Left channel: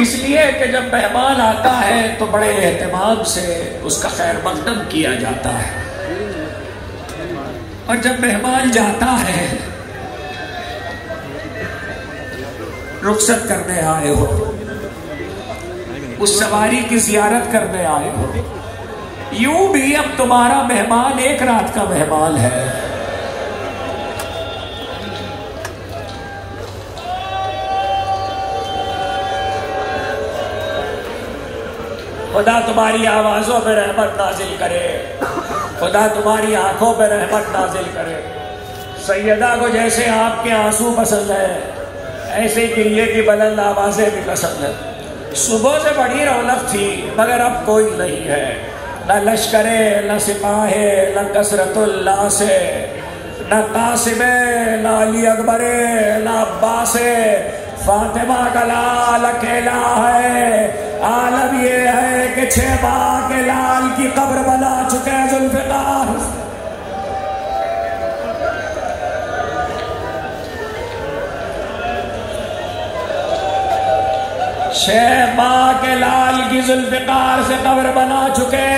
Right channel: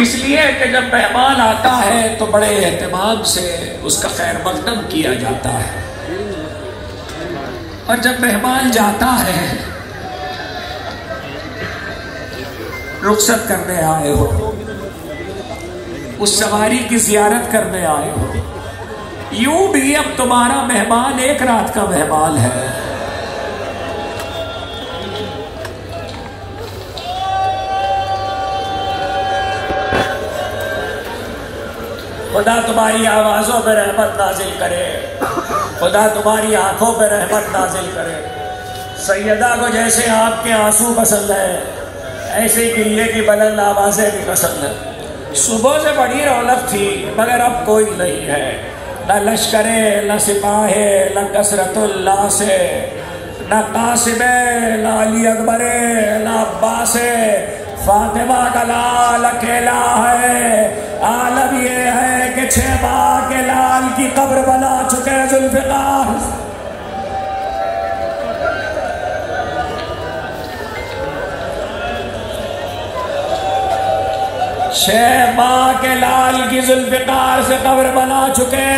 इसलिए कि जब मेहमान आता है तो बड़े एहतमाम से उसका खैर मकदम किया जाता है, और जब मेहमान जाता है, रुखसत करने आए हो, उस सवारी की जियारत करने आए हो, यूं भी अब तुम्हारा मेहमान एक रात का मेहमान है। खुदा तुम्हारी आवाजों पे रहमत नाजिल करे, खुदा तुम्हारी आंखों पे रहमत नाजिल करे। सैयदा को जैसे आपके आंसू पसंद है, ऐसे गिरिए की बुलंद आवाजें भी पसंद है। सुबह से बड़ी रौनक थी, मगर अब कोई नहीं है, न लश्करे, न सिपाहे, न कसरतुल्लाह से, न कासिमे, न अली अकबरे, न अब्बासे। फातिमा का लाल अकेला है। आलम ये है कि 6 माह के लाल की कब्र बना चुके जुल्फिकार। छह माह के लाल की जुल्फिकार से कब्र बना चुके।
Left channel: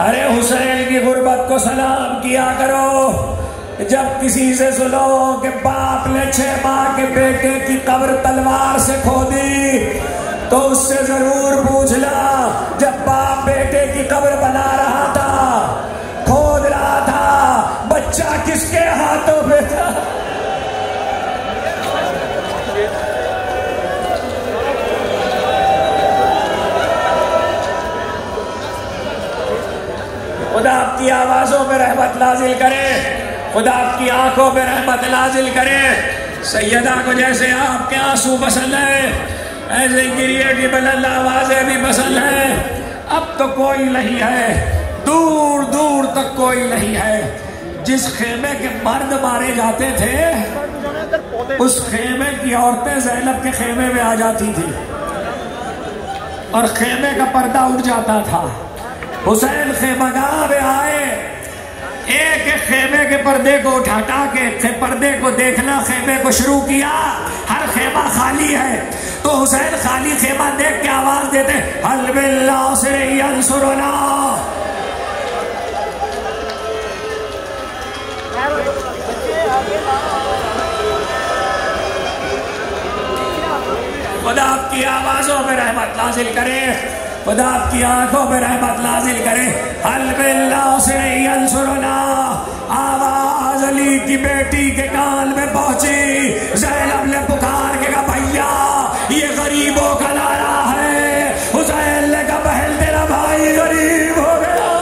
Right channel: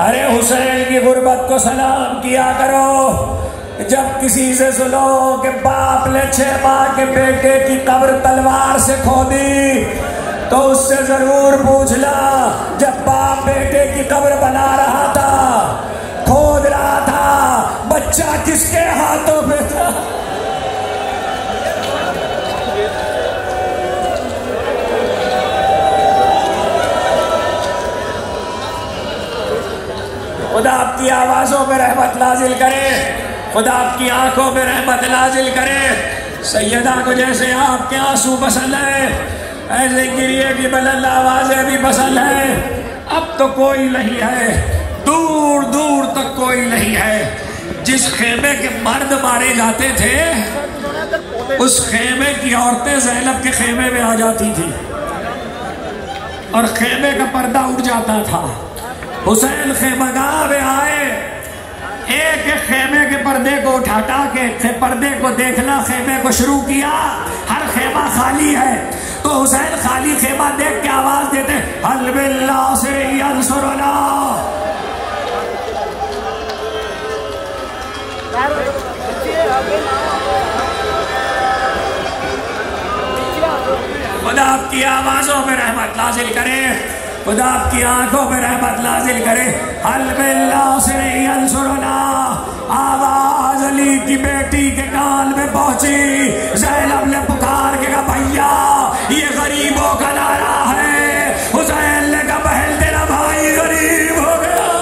अरे हुसैन की गुर्बत को सलाम किया करो। जब किसी से सुनो कि बाप ने 6 माह के बेटे की कब्र तलवार से खोदी, तो उससे जरूर पूछना, जब बाप बेटे की कब्र बना रहा था, खोद रहा था, बच्चा किसके हाथों में था? खुदा आपकी आवाजों में रहमत नाजिल करे, खुदा आपकी आंखों में रहमत नाजिल करे। सैयदा को जैसे आपके आंसू पसंद है, ऐसे गिरिए की बुलंद आवाजें भी पसंद है। अब तो कोई नहीं है, दूर दूर तक कोई नहीं है। जिस खेमे के मर्द मारे जाते थे, उस खेमे की औरतें ज़ैनब के खेमे में आ जाती थी और खेमे का पर्दा उठ जाता था। हुसैन खेमगाह में आए, एक एक खेमे के पर्दे को उठा के पर्दे को देखना खेमे को शुरू किया। हर खेमा खाली है, तो हुसैन खाली खेमा देख के आवाज देते, हल बिल्लाह से यंसुरना। खुदा आपकी आवाजों में रहमत नाजिल करे, खुदा आपकी आंखों में रहमत नाजिल करे। हल बिल्लाह से यंसुरना। आवाज अली की बेटी के कान में पहुंची। ज़ैनब ने पुकार के कहा, भैया ये गरीबों का नारा है। हुसैन ने कहा, बहन तेरा भाई गरीब हो गया।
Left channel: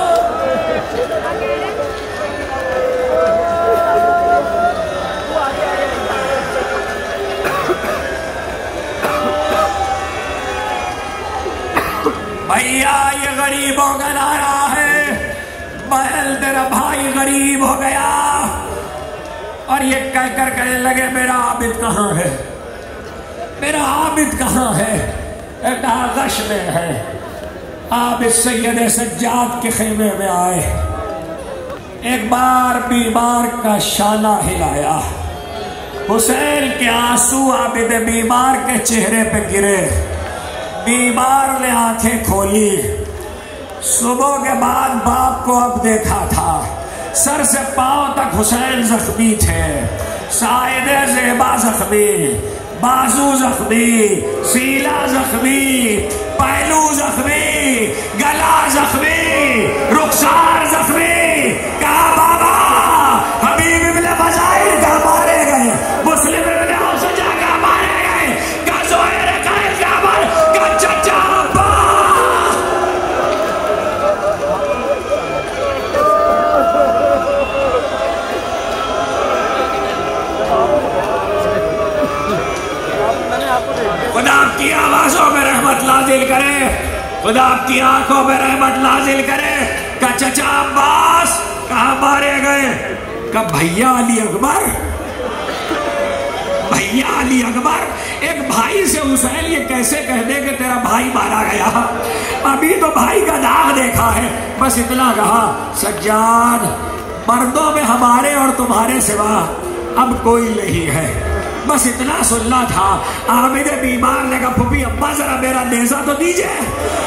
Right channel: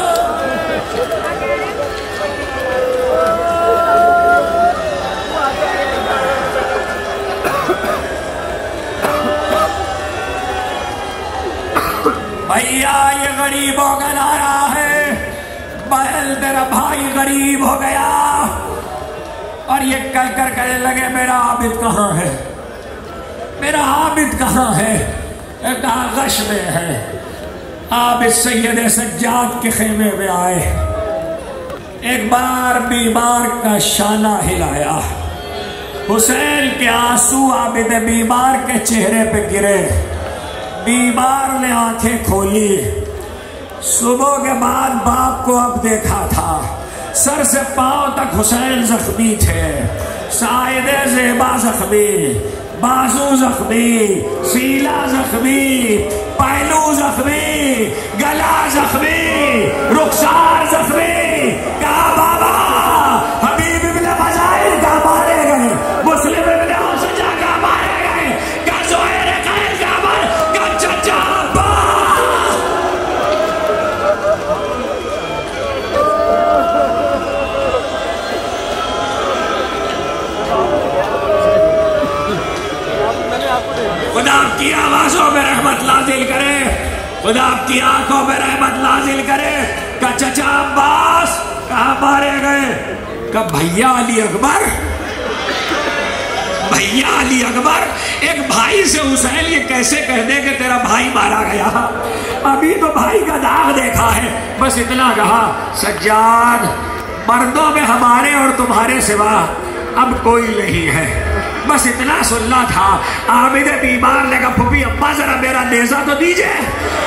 भैया ये गरीबों का नारा है, बहन तेरा भाई गरीब हो गया। और ये कहकर कहने लगे, मेरा आबिद कहाँ है, मेरा आबिद कहाँ है? एक आगश में है। आबिद सैयद सज्जाद के खेमे में आए, एक बार बीमार का शाना हिलाया। हुसैन के आंसू आबिद बीमार के चेहरे पे गिरे। बीमार ने आंखें खोली। सुबह के बाद बाप को अब देखा था। सर से पांव तक हुसैन जख्मी थे। साइदे ज़ेबा जख्मी, बाजू जख्मी, सीना जख्मी, पहलू जख्मी, गला जख्मी, रुखसार जख्मी। कहा बाबा हबीब इब्ने बजाइर का मारे गए, मुस्लिम इब्ने हुसैन का मारे गए, का ज़ुहैर का चचा खुदा आपकी आवाजों में रहमत नाजिल करे, खुदा आपकी आंखों में रहमत नाजिल करे। का चचा अब्बास कहाँ मारे गए? का भैया अली अकबर, भैया अली अकबर। एक भाई से हुसैन ये कैसे कह दे कि तेरा भाई मारा गया? अभी तो भाई का दाग देखा है। बस इतना कहा, सज्जाद मर्दों में हमारे और तुम्हारे सिवा अब कोई नहीं है। बस इतना सुनना था। आमिद बीमार ने कहा फूफी अब्बा जरा मेरा नेजा तो दीजिए।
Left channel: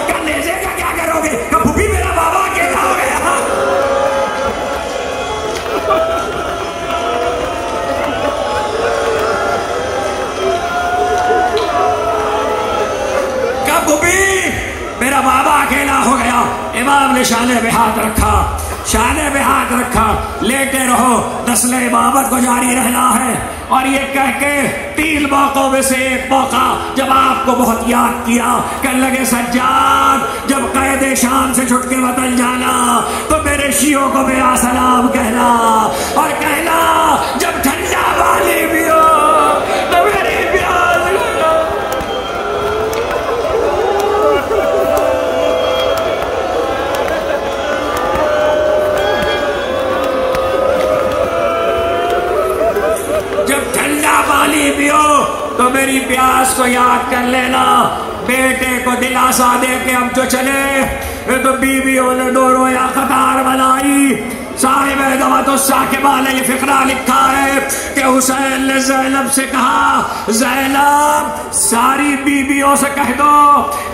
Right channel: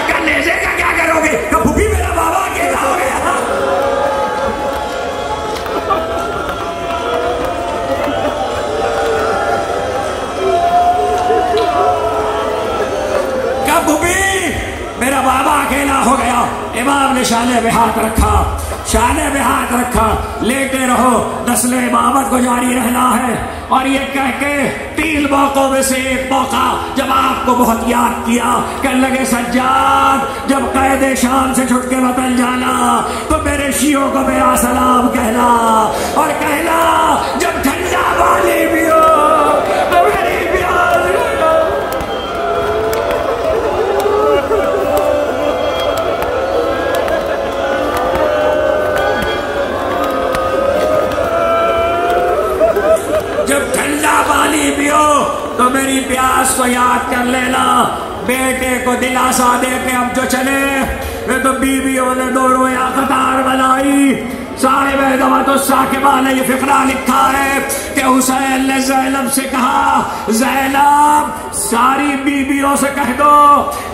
क्या नेजे का क्या करोगे? क्या फूफी मेरा बाबा अकेला हो गया। क्या फूफी मेरा बाबा अकेला हो गया। इमाम ने शाने पे हाथ रखा, शाने पे हाथ रखा, लेटे रहो, नस्ल इमामत को जारी रहना है। और ये कह के 3 मौकों में से एक मौका जब आपको बहुत याद किया, कहने लगे सज्जाद जब कैदे शाम से छुट के वतन जाना तो मेरे शियों को मेरा सलाम कहना, और कहना जब ठंडा पानी पियो तो मेरी प्यास लगना। जब ठंडा पानी पियो तो मेरी प्यास को याद कर लेना। बेटे को दिलासा दे के अब जो चले, तो बीवियों ने दोनों या कतार बनाई। साहिब साकिबा ने ये फिक्रा लिखा है कि हुसैन ने ज़ैनब से कहा, ज़ैनब सारी बीवियों से कह दो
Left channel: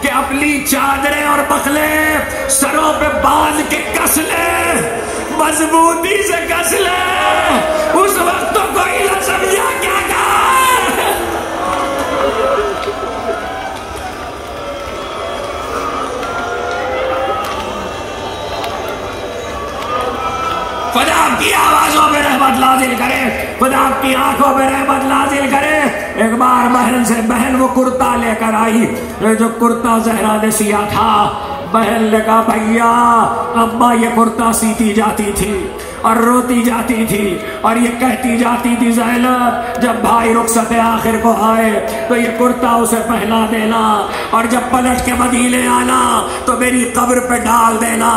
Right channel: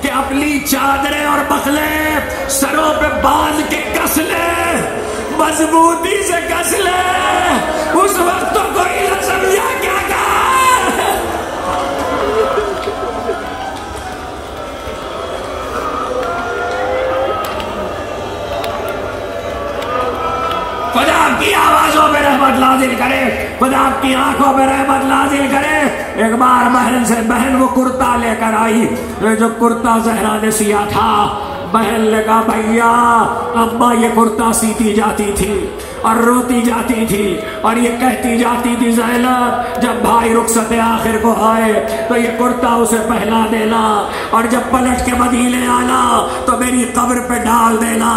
कि अपनी चादरें और बखले सरों पे बांध के कस ले, मजबूती से कस ले। उस वक्त तो कोई न समझा क्या खुदा की आवाजों पे रहमत नाजिल करे, खुदा की आंखों पे रहमत नाजिल करे। एक बार बहन से बहन वो कुर्ता लेकर आई, जो कुर्ता ज़हरा ने सिया था। बहन ने कहा भैया अम्मा ये कुर्ता सीती जाती थी और रोती जाती थी और ये कहती जाती थी ज़ैनब जब भाई रुखसत आखिर को आए तो ये कुर्ता उसे पहना देना, और जब पलट के मदीने आना तो मेरी कब्र पे डाल देना।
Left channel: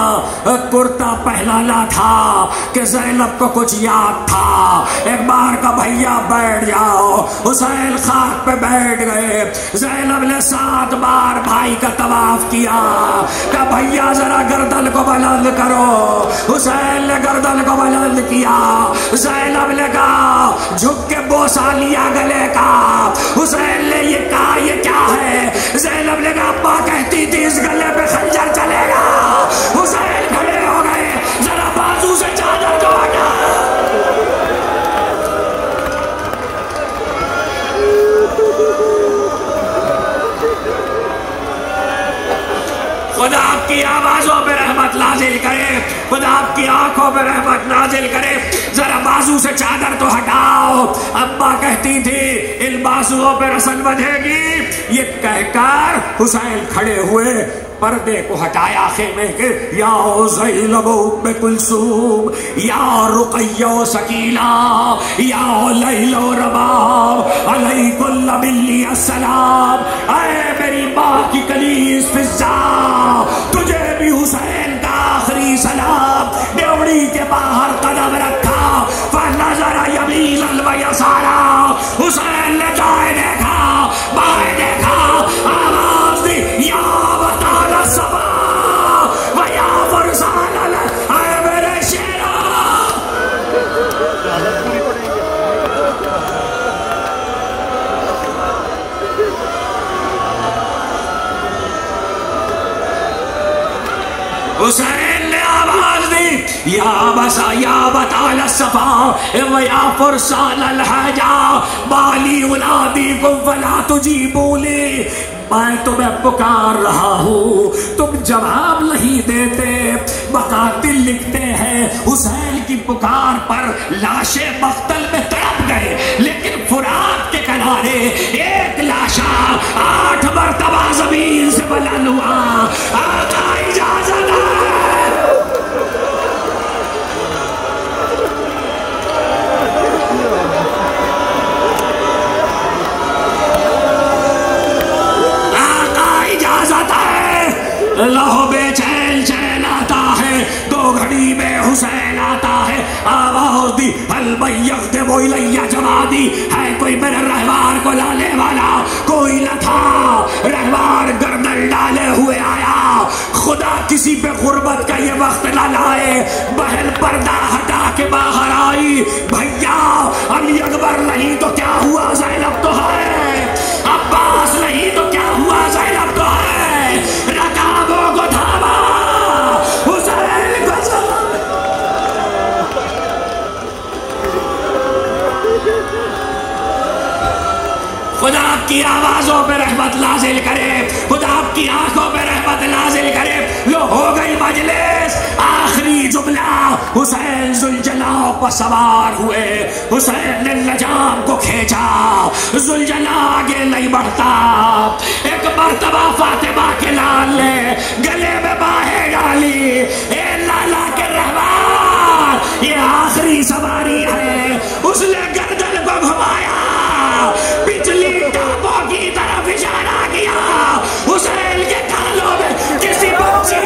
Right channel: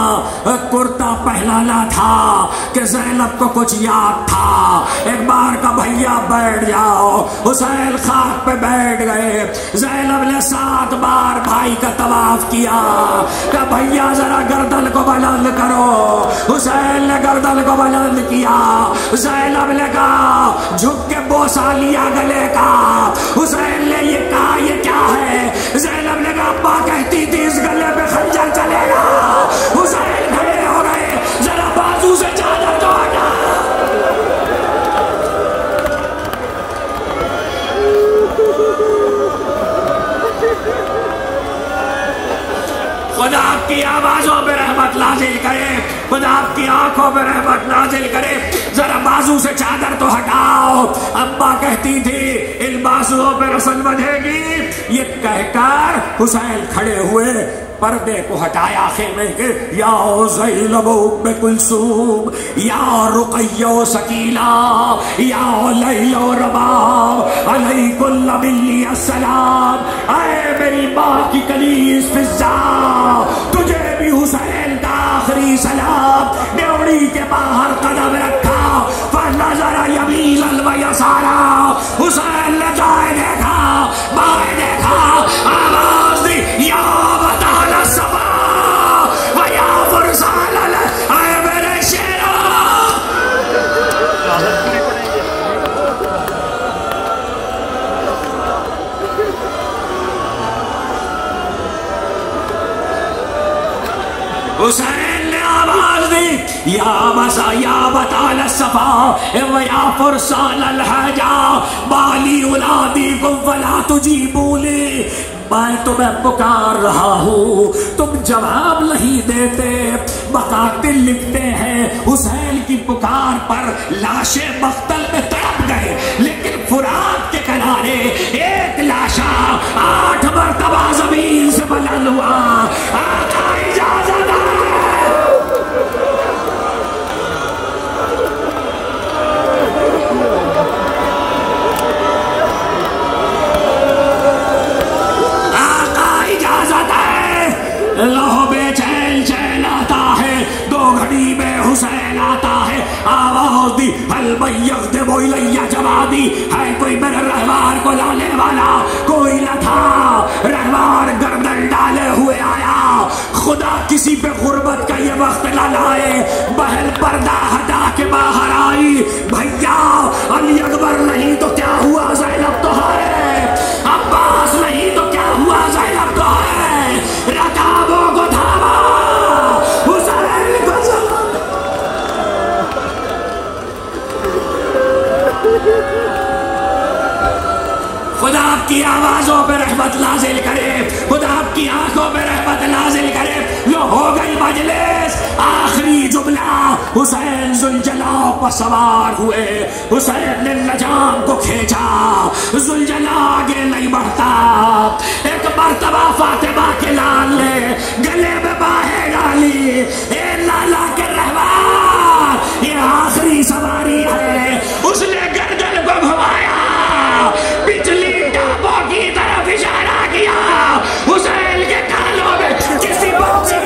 कुर्ता पहनाना था कि ज़ैनब को कुछ याद था। एक बार का भैया बैठ जाओ, हुसैन खाक पे बैठ गए। ज़ैनब ने 7 बार भाई का तवाफ किया। क्या भैया जरा गर्दन को बुलंद करो। हुसैन ने गर्दन को बुलंद किया। ज़ैनब ने कहा झुक के बोसा लिया गले का। हुसैन ने ये कहा ये क्या है? ज़ैनब ने कहा अब्बा कहती थी इस गले पे खंजर चलेगा। हुसैन खड़े हो गए, जरा बाजू से चादर को हटा। खुदा आपकी आवाजों पे रहमत नाजिल करे, खुदा आपकी आंखों पे रहमत नाजिल करे। जरा बाजू से चादर तो हटाओ। अम्मा कहती थी इन बाजुओं पे रस्म बंधेगी। ये कहकर हुसैन खड़े हुए, पर्दे को हटाया खेमे के। या ज़ैनब उम्मे कुलसूम, या रुक़य्या सकीना, या लैला रबाब, अलैकुम मिन्नी अस्सलाम। ऐ मेरी माँ की कलीस फिज़ा, तुझे भी हुसैन का आखिरी सलाम। डेवड़ी के बाहर कदम रखा, फनज़र यमीनन व यसारा। हुसैन ने दाएं देखा, बाएं देखा, आवाज दी या वताल सफा व या फरसाल। ऐ मेरे शेरा, हुसैन ने आवाज दी या बसा या बताल सफा व या फरसान अलहजा बाली उलादी को फला तुझी बोले। मैं तुम्हें पुकार रहा हूँ, तुम जवाब नहीं देते। मकातिल लिखते हैं हुसैन की पुकार पर लाशें मख्तल में तड़प गए, लेकिन फुरात के किनारे एक लाशा 8 मरतबा जमीन से बुलंद हुआ। लहो बेचैन चैन आता है, 2 घड़ी में हुसैन आता है। आवाज़ दी हल बैयक दे वो इलैया जमा दी। है कोई मेरे रहमान को लाने वाला? कोई न था। रहमान गर्दन डाले हुए आया। खुदा किसी पे गुर्बत का ये वक्त न लाए। बहन पर्दा हटा के बाहर आई। भैया अली अकबर नहीं तो क्या हुआ ज़ैनब रहमत नाजिल करे, खुदा आपकी आंखों पे रहमत नाजिल करे। लो हो गई मजलिस, आखिरी जुमला। हुसैन जुलजला पर सवार हुए, हुसैन ने नजाम को खींचा, जुलजला आगे नहीं बढ़ता। एक मर्तबा फातिमा के लाल ने गले में बाहें डाली, ए लाला के रहमान, ये आखिरी सवारी है। उसने गर्दन को घुमाया, पिछली टापों की तरफ इशारा किया। हुसैन के कानों में किसी बच्चे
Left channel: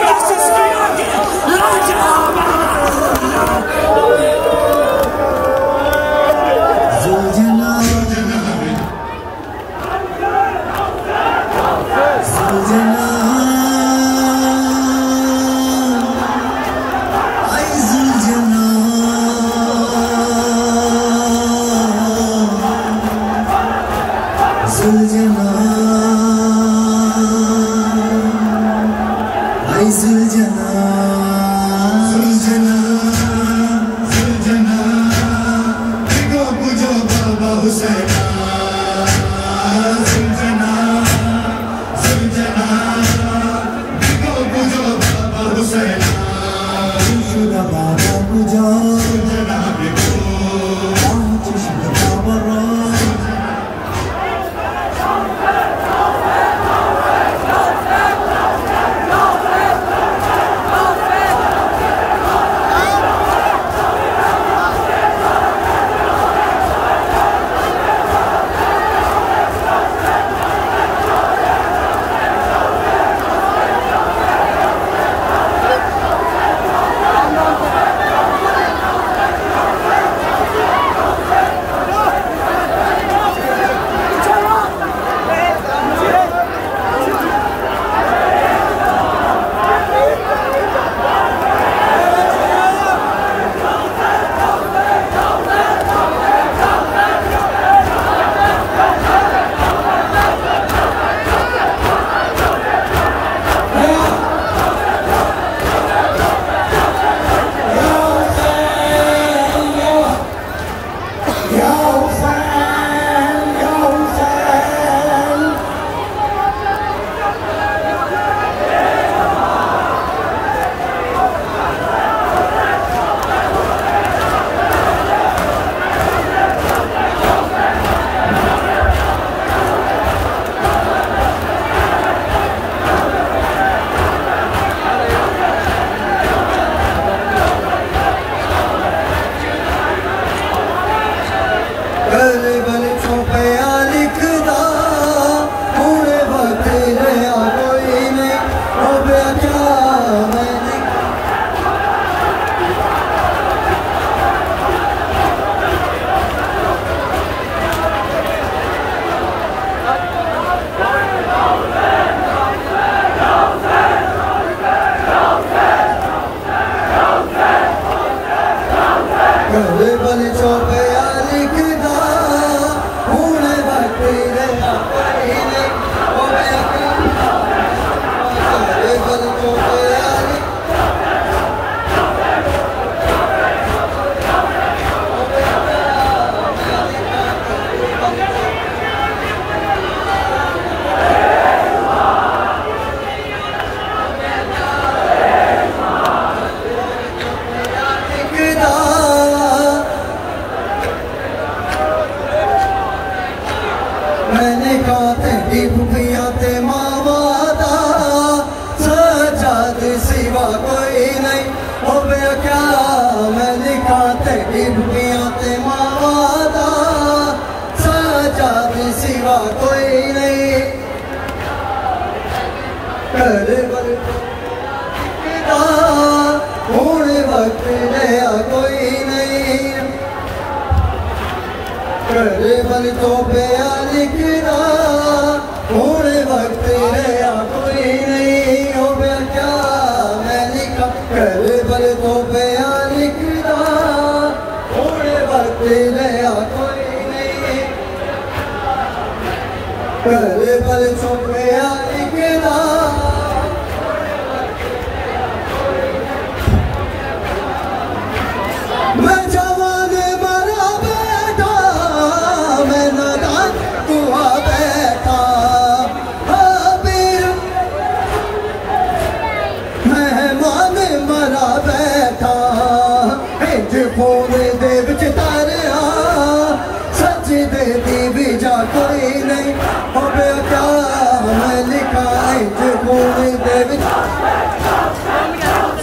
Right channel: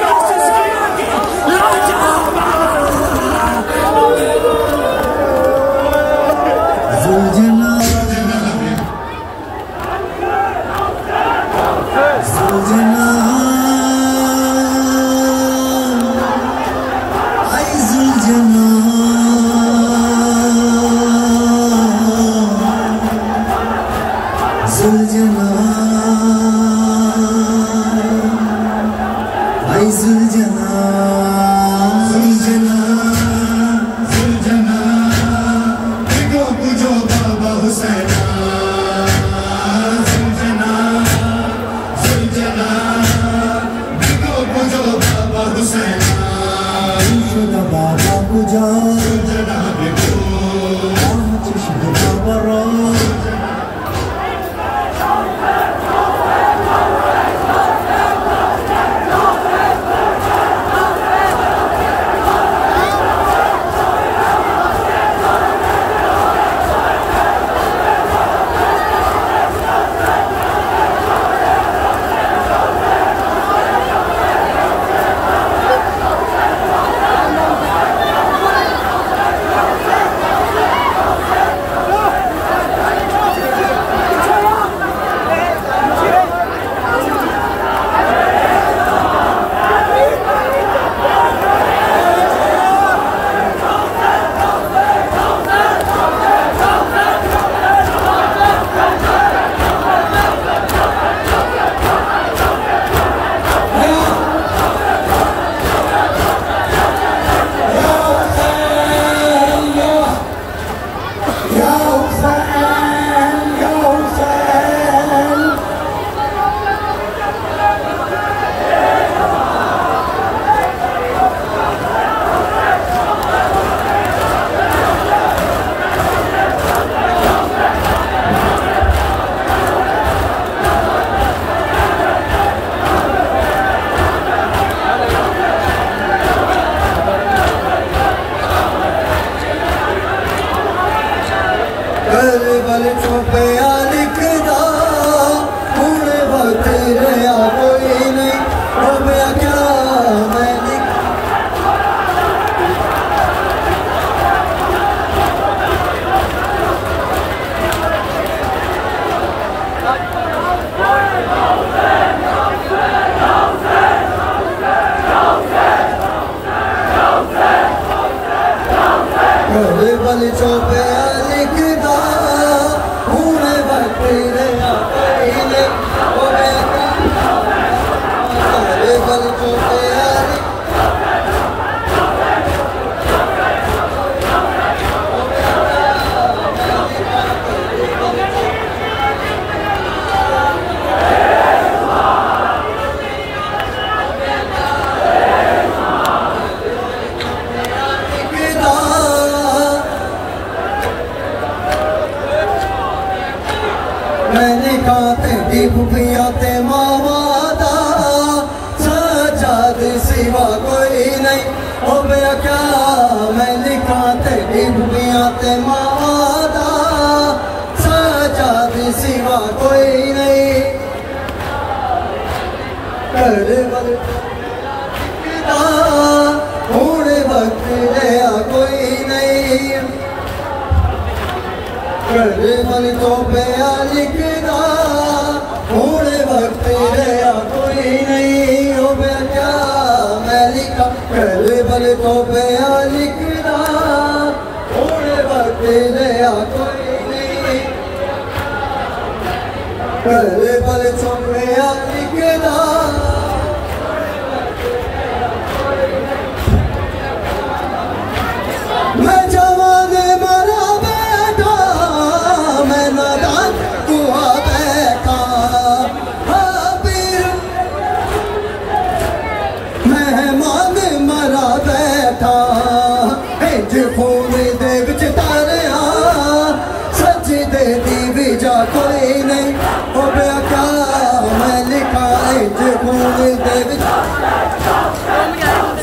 घूमी देवी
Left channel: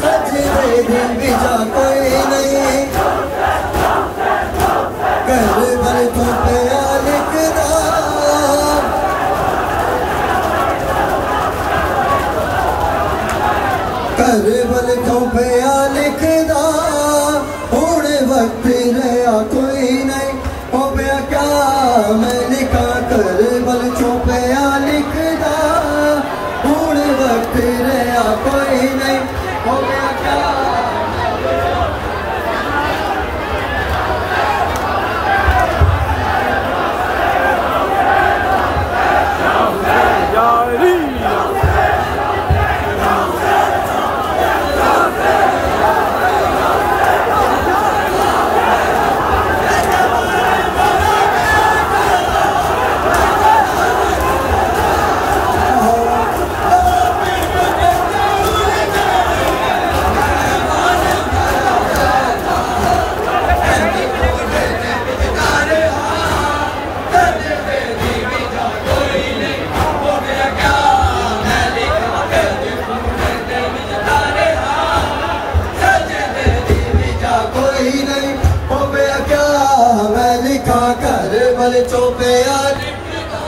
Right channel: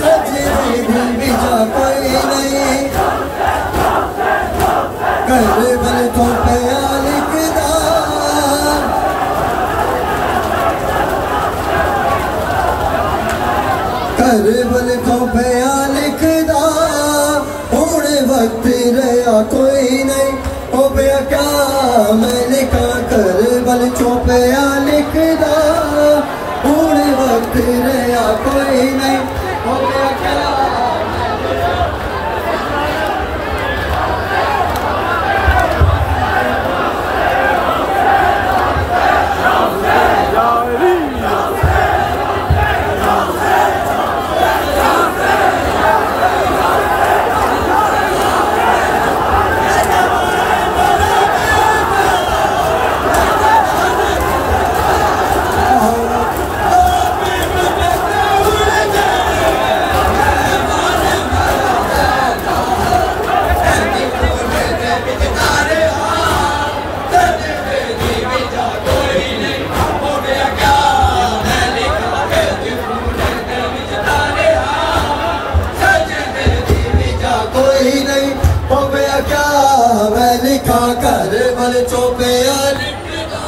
सजे घूमी जा कोई नहीं कर बल तो पिया लिखदा कर बल तो पिया लिखदा हुण वक्त रहा कोई नहीं हो गया क्या मैं लिखा कर बल चौपया लिखदा हुण वक्त रहा कोई नहीं हो गया क्या चौपया लिखदा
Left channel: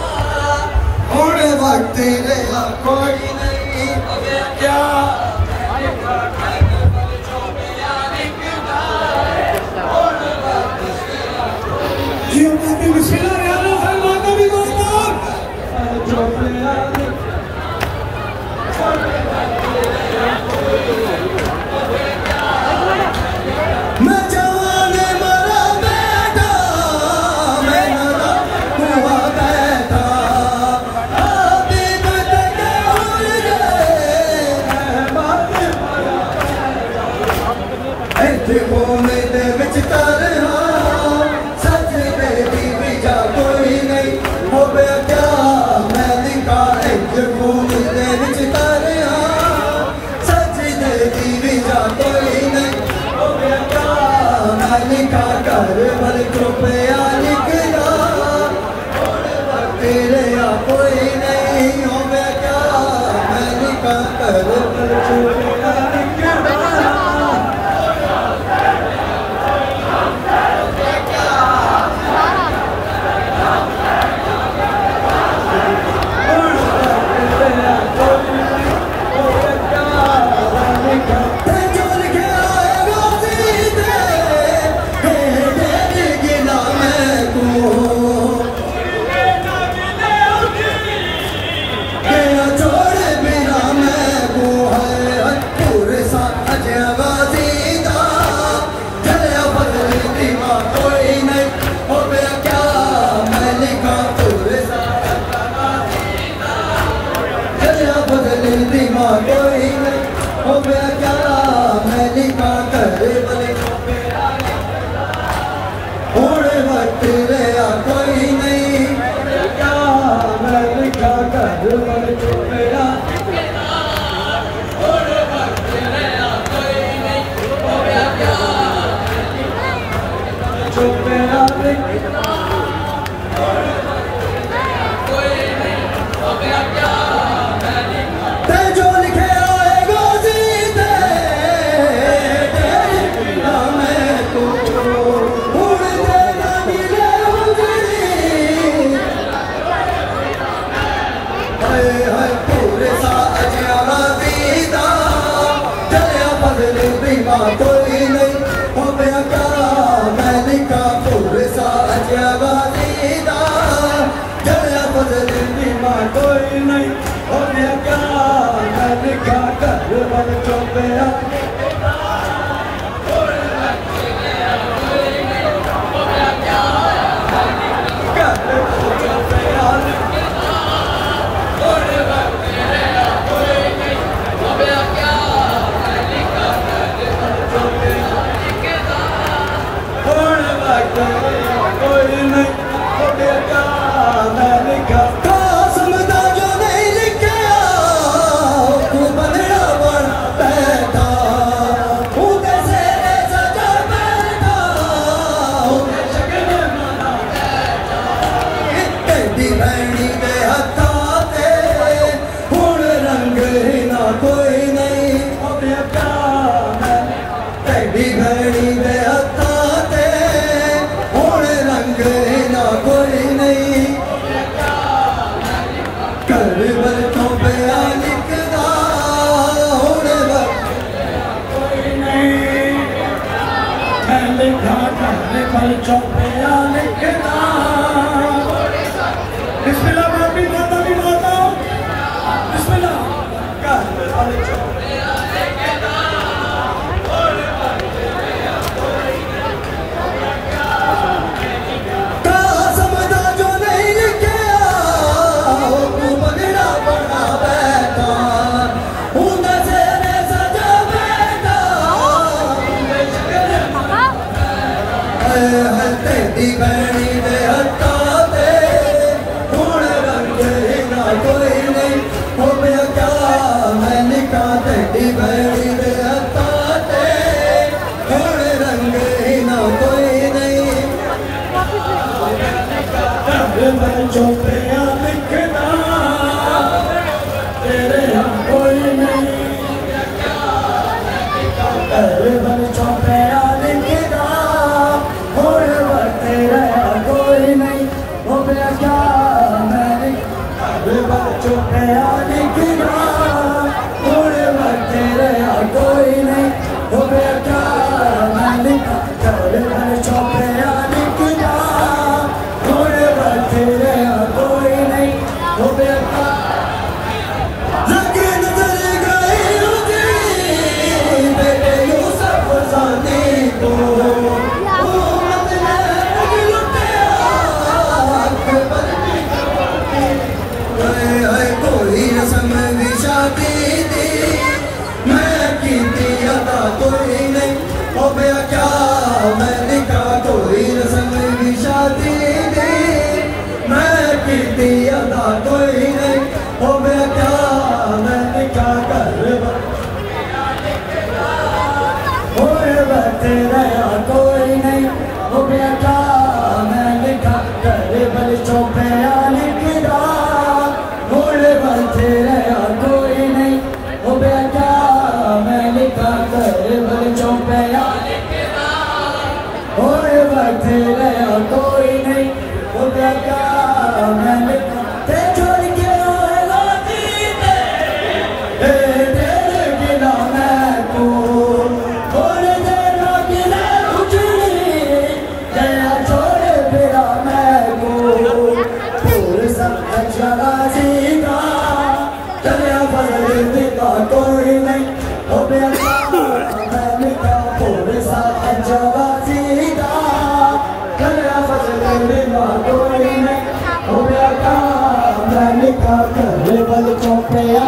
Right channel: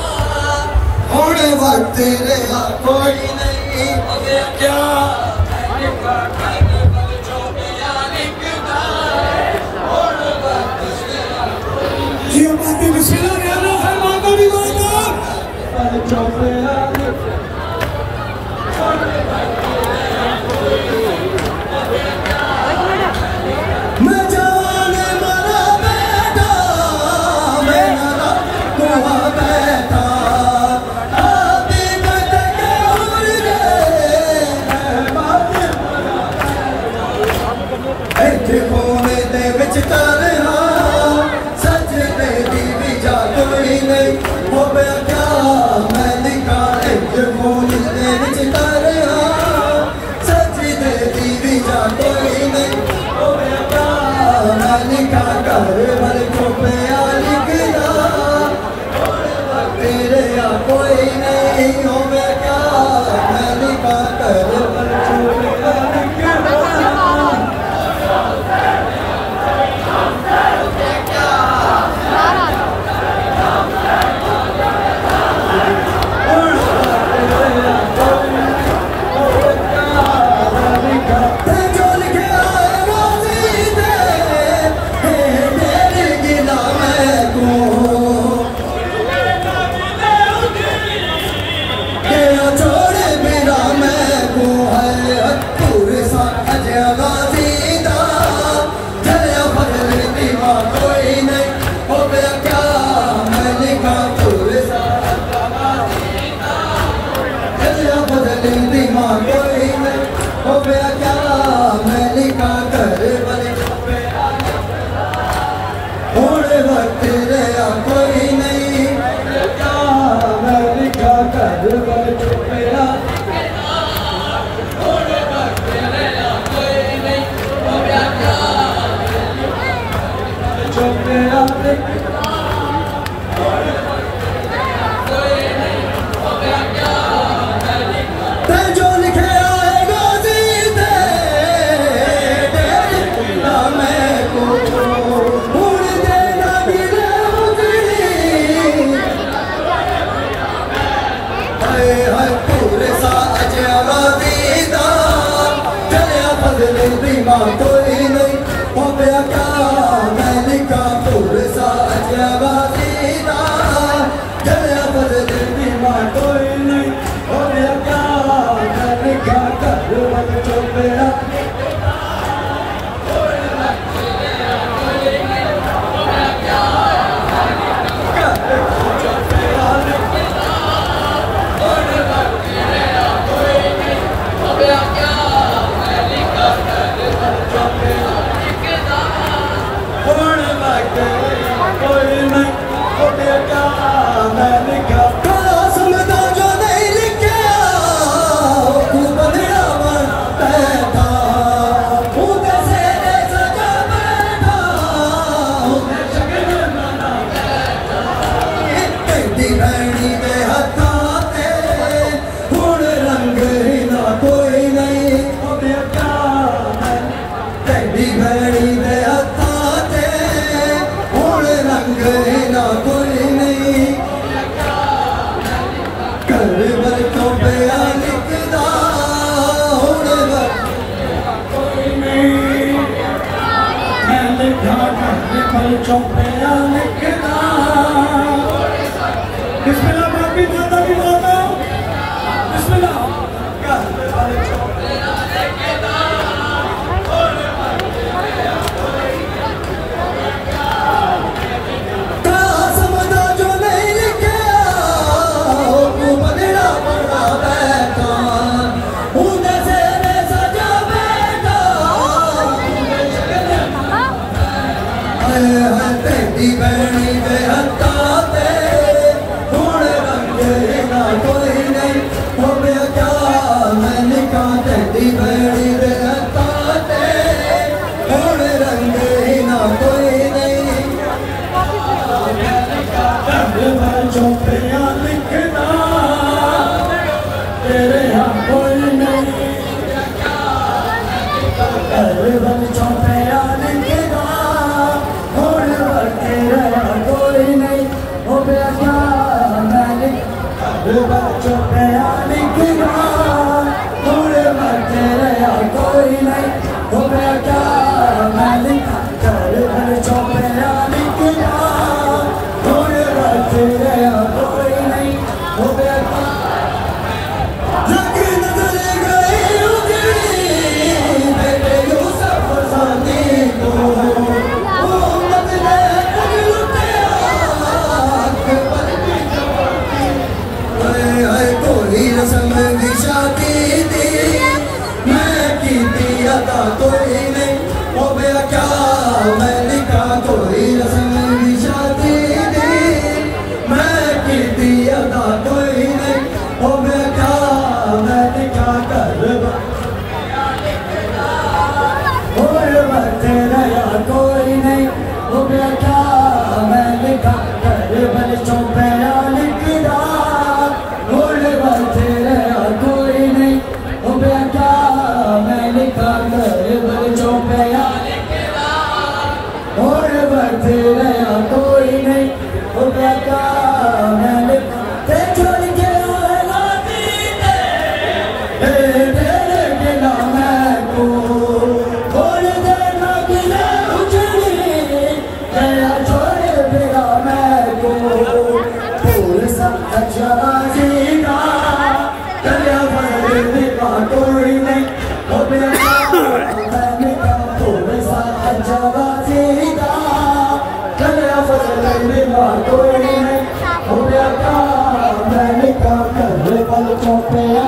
हुण वक्त रहा कोई नहीं क्या जियो माती बिस्मिल्लाह रहमान रहीम मानो भी बोलो चौपया कोई नहीं हो क्या मैं लिखा कर पगड़ा बड़ा बैठा उंदा से सजा बैठा तेरी बहनी बेहता ते हुण रंग ना कोई नहीं हो गया क्या मैं लिखा तेरी बहनी बेहता ते हुण रंग ना कोई नहीं चौपड़िया लिखना तेरे यहाँ कोई नहीं चौपड़िया लिखना और तेरे यहाँ कोई नहीं हो गया क्या मैंने चौपड़िया लिखना और तेरे यहाँ कोई नहीं हो गया क्या मैंने चौपड़िया लिखना तेरे यहाँ कोई नहीं हो गया लेकिन चले गए बेटे यू सब साथी को कोई रस्म भी शादी थी मैं की थी अदा कोई नहीं हो गया क्या मैं लिखा कोई रस्म भी शादी अदा कोई नहीं हो गया क्या मैं लिखा कर तेरे यहाँ कोई नहीं हो गया क्या मैं लिखा कर बल चौपड़िया लिखना तेरे यहाँ कोई नहीं हो गया क्या मैं लिखा कर बल चौपड़िया तेरे यहाँ कोई नहीं हो गया क्या मैं लिखा छोड़ के तेरे बिना मैं को बोल देना बिना उजड़ी तेरा छोड़ बिना मैं को जीगा तेरे बदले का कोई नहीं हो गया मैंने कहा थोड़े साथ जवा सीधा तेरे बदले बिना कोई नहीं हो गया मैंने कहा कर बल चौपड़िया